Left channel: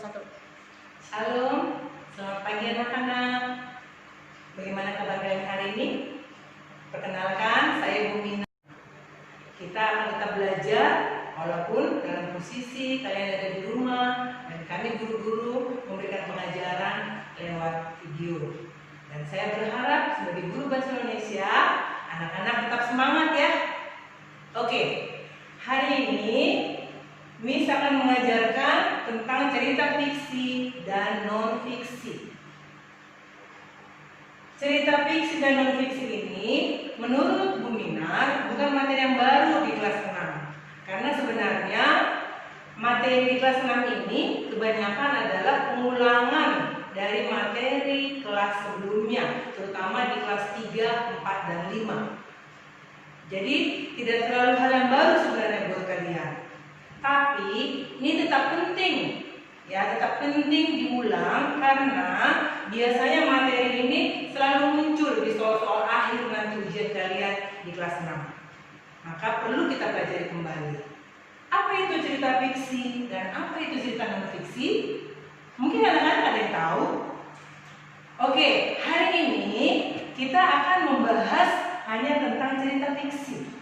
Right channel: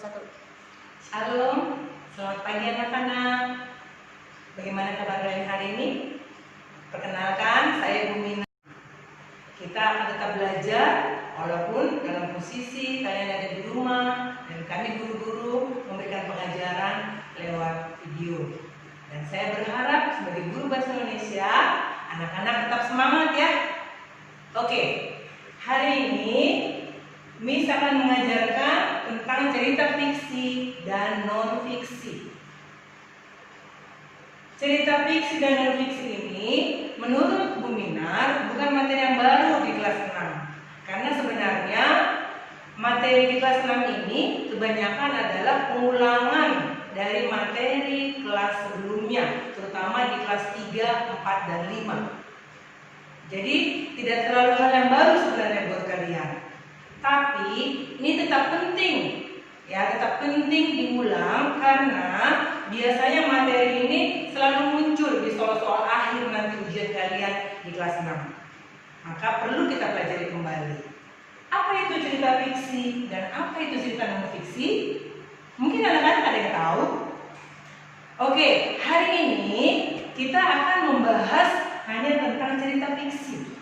satu. Shalom, selamat pagi anak-anak. Bagaimana kabar kalian hari ini? Perkenalkan, saya Bu Mina. Kita akan tetap belajar walaupun dalam posisi kalian ada di rumah dan kami guru-guru memberikan pengajaran lewat video. Dan saya berharap sebagai guru bahasa Indonesia, anak-anak tetap semangat ya. Oke, hari ini Miss akan mengajarkan tentang cerita fiksi dan non-fiksi. Cerita fiksi dan non-fiksi ini menurut Bu Minar bukan materi yang baru di kelas 6. Karena sebenarnya materi di kelas 6 ini kebanyakan adalah pengulangan dari materi kelas sebelumnya, terutama di kelas 3, 4, dan 5. Jadi tidak terlalu hal yang baru sebenarnya buat kalian. Tapi ini tetap penting, ya tetap penting diulang karena biasanya materi ini selalu muncul di soal-soal akhir nanti ujian kalian di kelas 6. Maka perlu kita pelajari kembali. Apa itu cerita fiksi dan apa itu cerita non fiksi? Mungkin anak-anak ada yang tahu. Oke, hari ini kita akan membahas hanya tentang cerita fiksi.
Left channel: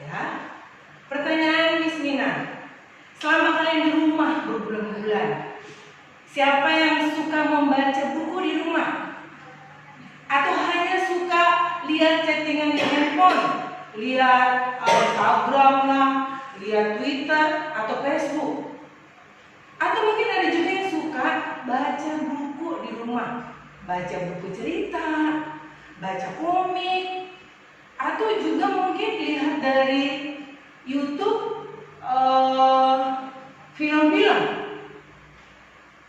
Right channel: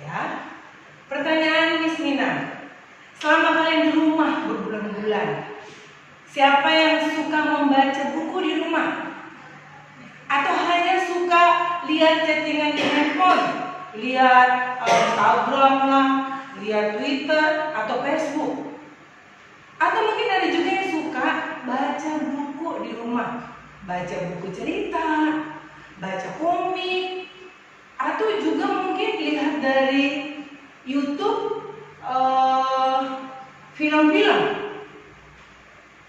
Ya. Pertanyaan Miss Mina. Selama kalian di rumah berbulan-bulan, siapa yang suka membaca buku di rumah? Atau hanya suka lihat chattingan di handphone? Lihat Instagram lah, lihat Twitter atau Facebook? Atau mungkin ada juga yang suka baca buku di rumah, baca buku cerita, baca komik, atau juga mungkin lihat dari YouTube film-film.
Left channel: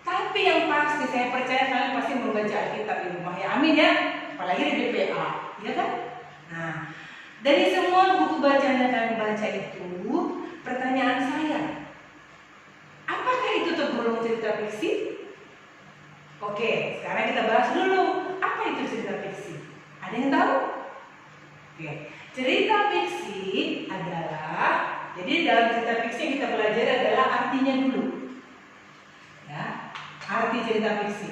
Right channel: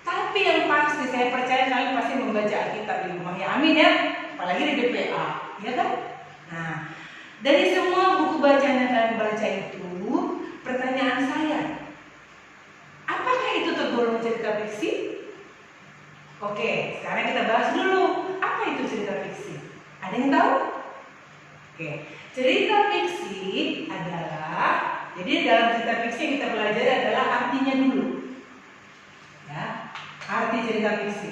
Tapi yang pasti saya percaya kalian pasti membaca Alkitab di rumah ya, amin ya. Apalagi di DPA, ya kan? Nah, dari semua buku bacaan yang kalian baca itu, pertanyaan saya, apakah itu tergolong cerita fiksi? Oke, sekarang kita bahas dulu, apa itu cerita fiksi? Ada yang tahu? Oke, cerita fiksi adalah, jadi dalam cerita fiksi yang kita belajar adalah artinya dulu. Ya, arti cerita fiksi.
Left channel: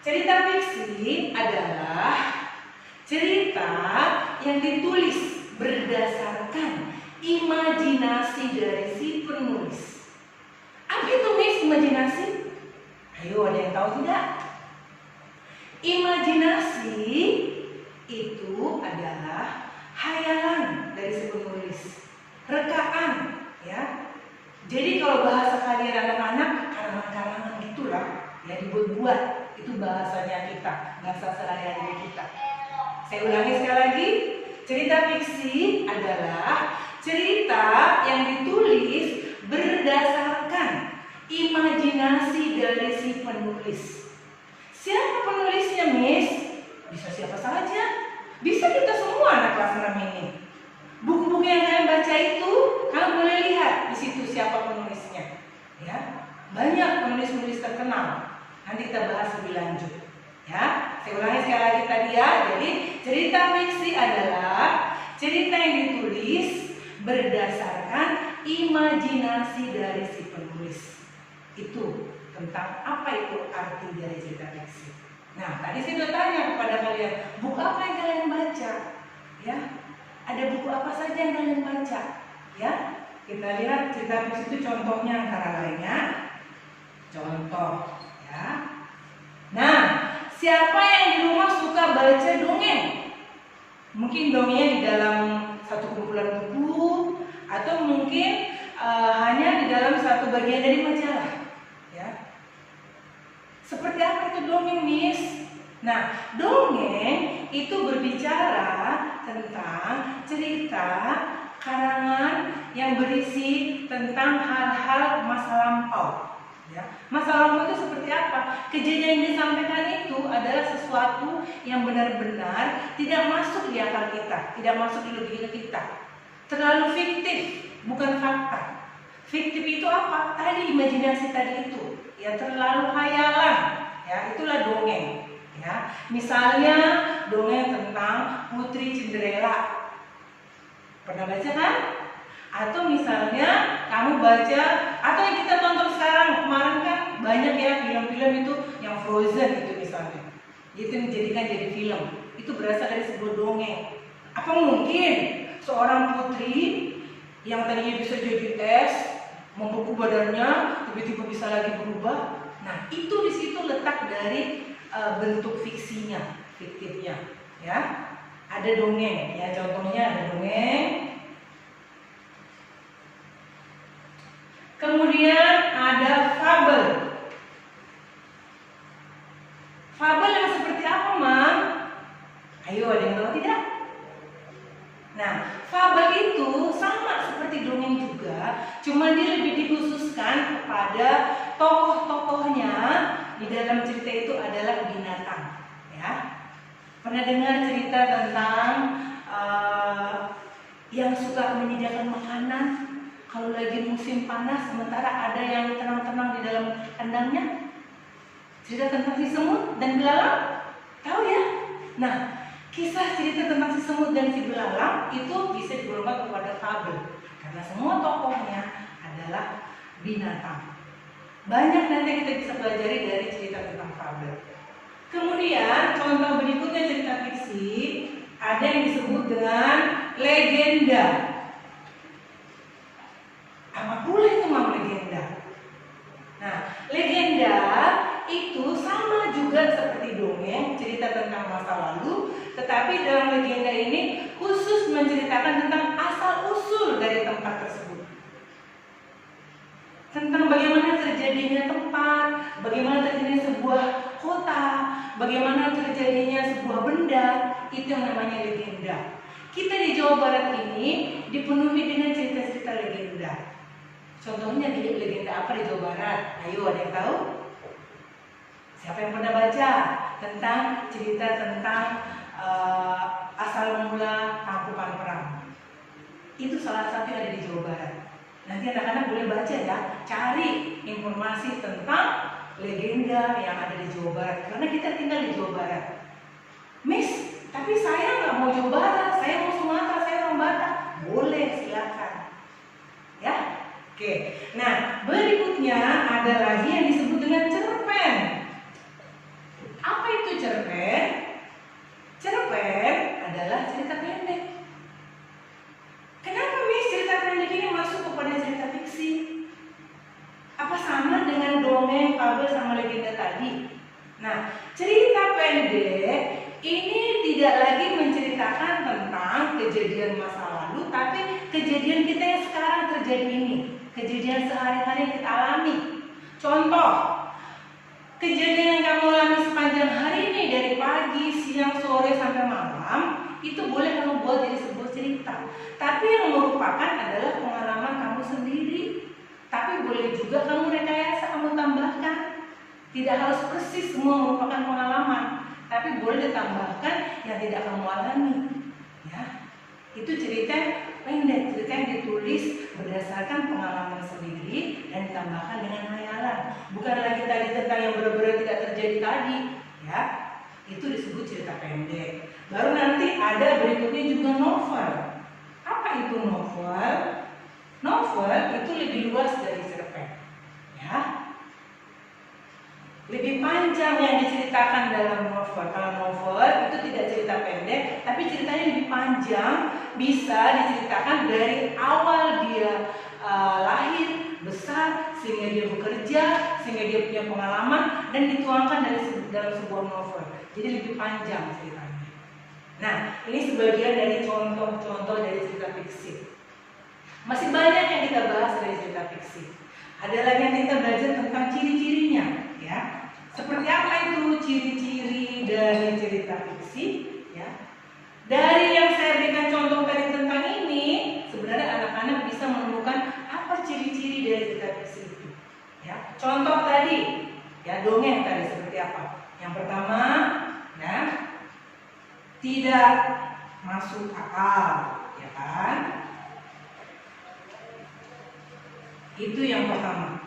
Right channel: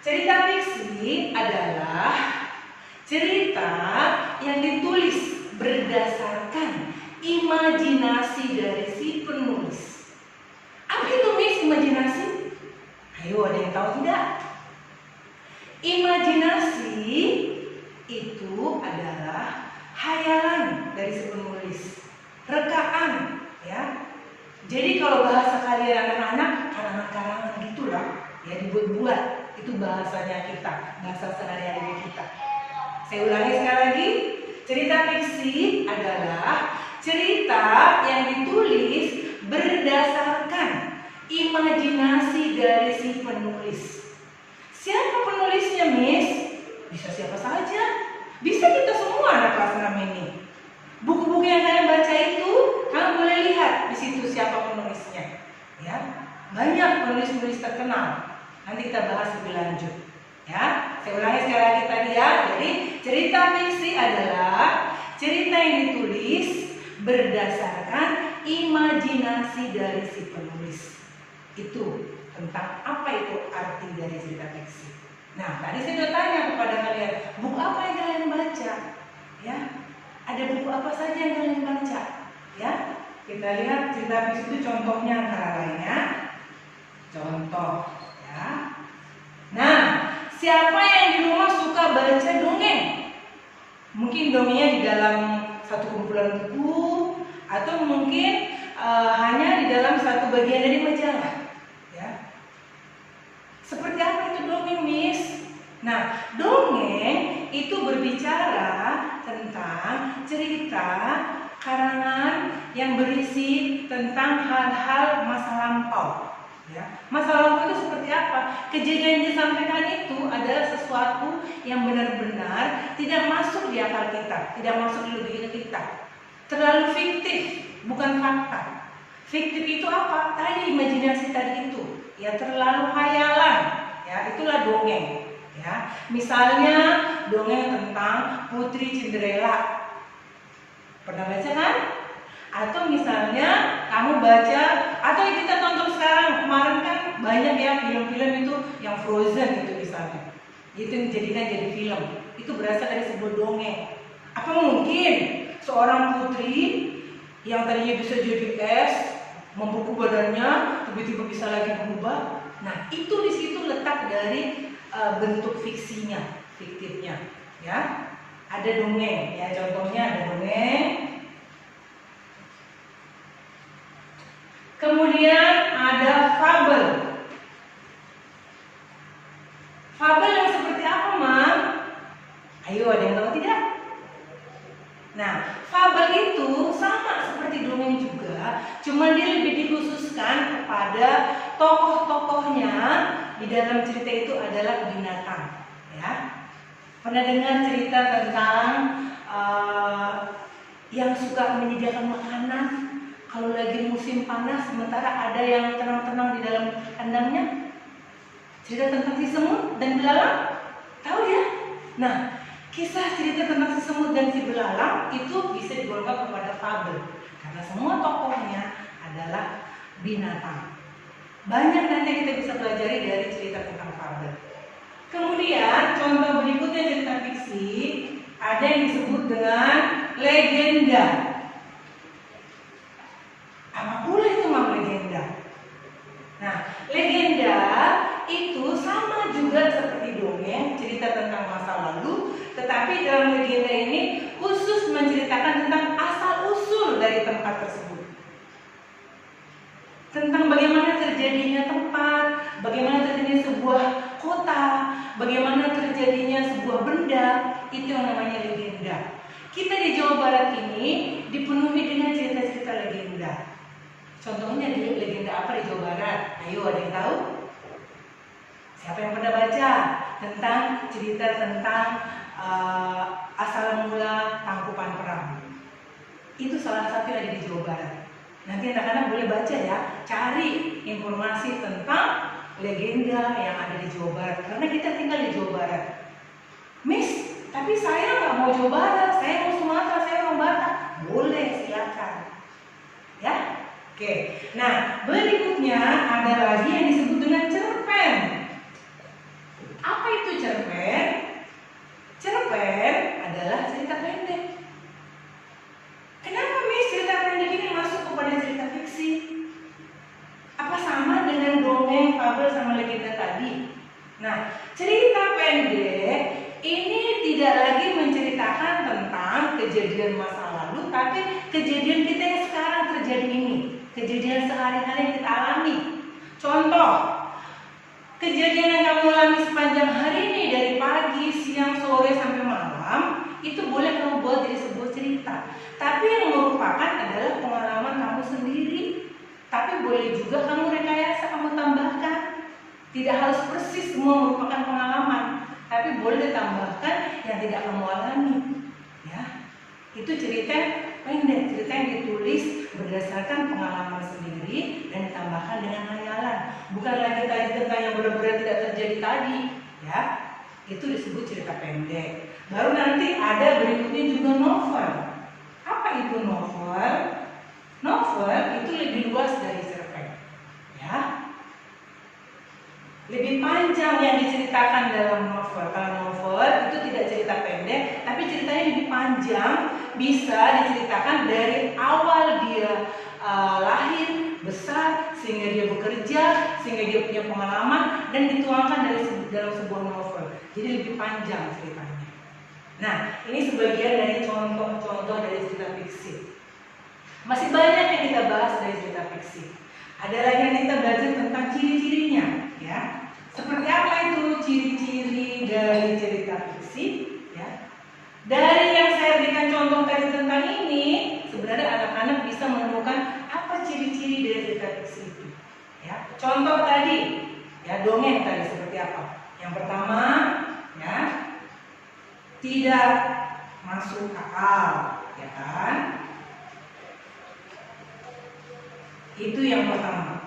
Cerita fiksi adalah cerita yang ditulis berdasarkan imajinasi dari si penulis. Apa itu Miss imajinasi? Ayo, ada yang tahu tidak? Imajinasi itu adalah hayalan dari si penulis, rekaan, ya. Jadi kalau bahasa kalian anak-anak, karangan-karangan gitulah, ya dibuat-buat. Itu bahasanya kita, bahasa sehari-hari kita. Saya ulangi sekali lagi, cerita fiksi adalah cerita yang ditulis berdasarkan imajinasi dari si penulis. Siapa penulisnya, Miss? Bisa siapa saja. Bisa kita semua anak kelas 6 ini. Buku-buku yang kalian baca itu, kalian boleh lihat di situ siapa penulisnya. Ya, banyak penulis-penulis terkenal. Nanti kita bahas lebih lanjut. Ya, saya ulangi sekali lagi tadi ya. Jadi cerita fiksi adalah cerita yang ditulis berdasarkan imajinasi dari si penulis. Itu tentang apa itu arti dari cerita fiksi. Nah, tadi saya sudah tanya kepada kalian, buku apa yang kalian baca? Ya, ada buku apa saja yang kalian baca? Ya, kita lihat cerita fiksi itu contohnya antara lainnya. Contoh, ya. Nah, siapa yang di rumah suka baca dongeng? Mungkin dongengnya di dalam satu kumpulan buku, atau mungkin hanya di dalam satu bagian dari majalah. Seperti apa itu dongeng, Miss? Nah, dongeng itu berbicara tentang cerita karangan yang berisi tentang hal-hal masa lampau. Ya. Masa lampau itu seperti apa? Kejadian yang disampaikan itu adalah sesuatu yang benar-benar tidak masuk di akal kita, tidak masuk di logika kita. Terlalu fiktif, bukan fakta. Fiktif itu apa? Tadi imajinasi tadi itu. Ya, terlalu hayalan, ya itulah dongeng, ya. Misalnya dongeng tentang Putri Cinderella, pernah baca kan? Atau misalnya kamu baca, atau yang kita tonton yang Frozen itu misalnya, itu dijadikan jadi film, itu berasal dari sebuah dongeng. Apa mungkin seorang putri yang tadinya bisa jadi es, membeku badannya, tiba-tiba bisa lagi berubah? Nah, itu di situ letak dari bentuk fiksinya, fiktifnya, ya. Ada dongeng, ya contohnya ada dongeng. Kemudian ada fabel. Fabel yang seperti apa, Mam? Ayo, ada yang tahu tidak? Nah, fabel itu sama seperti dongeng juga, cuma dia lebih dikhususkan kepada tokoh-tokohnya di dalam cerita itu adalah binatang, ya. Pernah dengar cerita tentang yang suka menyediakan makanan kalau lagi musim panas, sementara ada yang tenang-tenang di dalam kandangnya? Cerita tentang si semut dan belalang, tahu ya? Nah, kisah cerita tentang si semut dan si belalang itu bisa digolongkan kepada fabel karena semua tokohnya adalah binatang. Banyak nanti kita bisa pelajari dari cerita tentang fabel. Kemudian contoh berikutnya cerita fiksi, ada yang disebut dengan legenda. Apa pula itu Mam legenda? Nah, legenda itu sama juga seperti dongeng, cerita tentang masa lalu, tetapi dalam legenda ini khusus menceritakan tentang asal-usul dari tempat tersebut. Tentang bagaimana terjadinya tempat, bagaimana terjadinya sebuah kota, bagaimana terjadinya sebuah benda, itu yang namanya legenda. Kita di Jawa Barat ini dipenuhi dengan cerita-cerita legenda. Contohnya legenda apa di Jawa Barat? Ayo, ada yang tahu? Siapa yang pernah baca tentang cerita tentang asal mula Tangkuban Perang? Itu salah satu yang ada di Jawa Barat. Nanti anak-anak boleh baca ya, cari informasi tentang legenda yang ada di Jawa Barat. Karena kita tinggal di Jawa Barat. Miss, tapi saya nggak mau Jawa Barat, saya mau Sumatera, saya orang Batak. Boleh, silakan. Ya, oke. Nah, berikutnya ada lagi yang disebut dengan cerpen. Apa itu cerpen? Cerpen adalah cerita pendek. Kenapa Miss cerita pendek ini masuk kepada cerita fiksi? Apa sama dengan dongeng, fabel, sama legenda tadi? Nah, cerita pendek ini tidak lagi menceritakan tentang kejadian masa lalu, tapi kejadian kita yang sekarang terjadi ini, kejadian sehari-hari yang kita alami. Contoh, kejadian yang kamu alami sepanjang hari ini dari pagi, siang, sore sampai malam, itu boleh kamu buat jadi sebuah cerita. Tapi yang merupakan adalah pengalaman kamu sendiri. Tapi boleh juga kamu rekayasa, kamu tambahkan. Tidak harus persis semua merupakan pengalaman, tapi boleh ditambahkan yang tidak kamu alami. Ya, itu cerita pendek, cerita yang ditulis berdasarkan pengalaman sendiri dan ditambahkan dengan hayalan. Bukan lagi tadi tentang yang benar-benar tidak terjadi tadi. Ya, itu disebut cerita pendek. Baru nanti ada berikutnya juga novel. Apa itu novel? Novel itu lebih luas dari cerpen. Ya, lebih panjang yang diceritakan dalam novel. Kalau novel itu tidak cerita pendek, tapi ceritanya lebih panjang, bisa diceritakan dari awal dia lahir, besar, sehingga dia bekerja, sehingga dia punya pengalaman, dan dituangkan dalam sebuah novel. Jadi lebih panjang ceritanya. Nah, ini sebagian dari contoh-contoh dari cerita fiksi. Masih banyak yang kita bahas dari cerita fiksi. Ada lagi yang kita belajar tentang ciri-cirinya, ya. Seperti apa itu ciri-ciri dari cerita fiksi, ya. Dari yang saya berikan contoh tadi tentang ini, sebenarnya anak-anak bisa menemukan apa ciri-ciri dari cerita fiksi itu, ya. Contoh tadi, ya, dongeng tadi seperti apa? Yang pertama, ya, tidak masuk akal, ya kan? Itu yang pertama.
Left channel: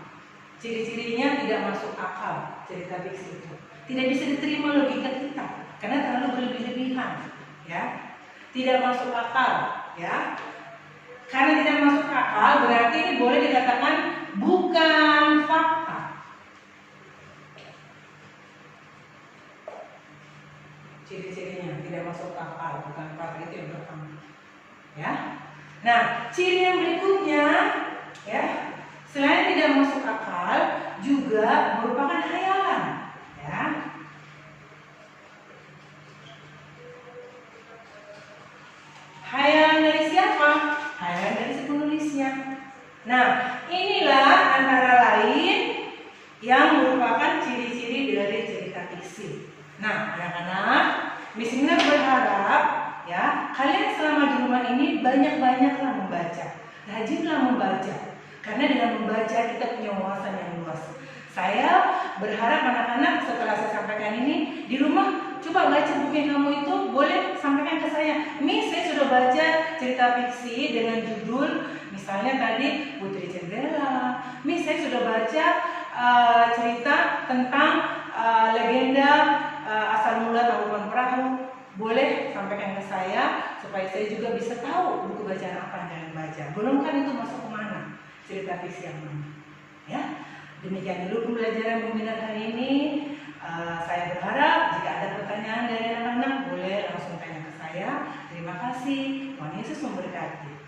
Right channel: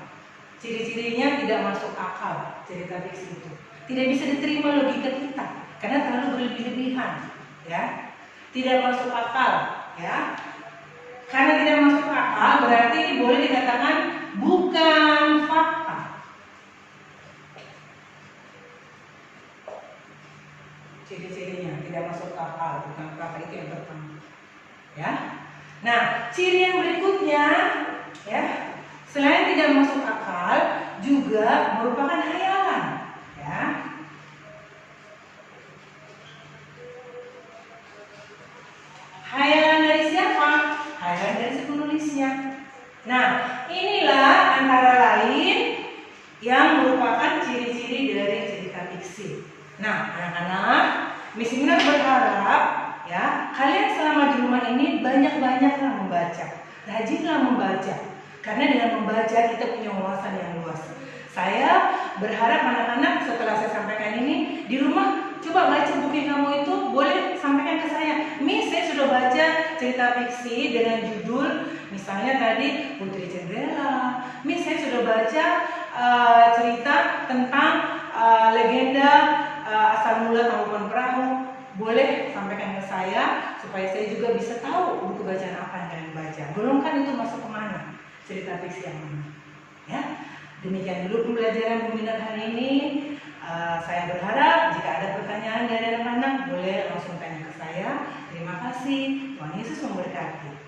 Ciri-cirinya tidak masuk akal cerita fiksi itu. Tidak bisa diterima logika kita karena terlalu berlebih-lebihan, ya. Tidak masuk akal, ya. Karena tidak masuk akal berarti ini boleh dikatakan bukan fakta. ya. Nah, ciri yang berikutnya, ya, selain tidak masuk akal, juga merupakan hayalan, ya. Hayalan dari siapa? Hayalan dari si penulisnya. Nah, inilah antara lain yang merupakan ciri-ciri dari cerita fiksi. Nah, anak-anak, Miss Mina berharap ya kalian selama di rumah ini banyak-banyaklah membaca, rajinlah membaca, karena dengan membaca kita punya wawasan yang luas. Saya berharap anak-anak setelah saya sampaikan ini di rumah coba baca buku yang kamu itu, boleh sampaikan ke saya. Miss, saya sudah baca cerita fiksi dengan judul misalnya tadi Putri Cendela. Miss, saya sudah baca cerita tentang legenda asal mula Tangkuban Perahu. Boleh sampaikan ke saya supaya saya juga bisa tahu buku bacaan apa yang kalian baca. Golongkan itu masuk kemana, cerita fiksi yang mana. Ya, demikian dulu pembelajaran Bu Mina hari ini. Saya berharap jika ada pertanyaan dari anak-anak boleh langsung tanya ke saya. Terima kasih. Tuhan Yesus memberkati.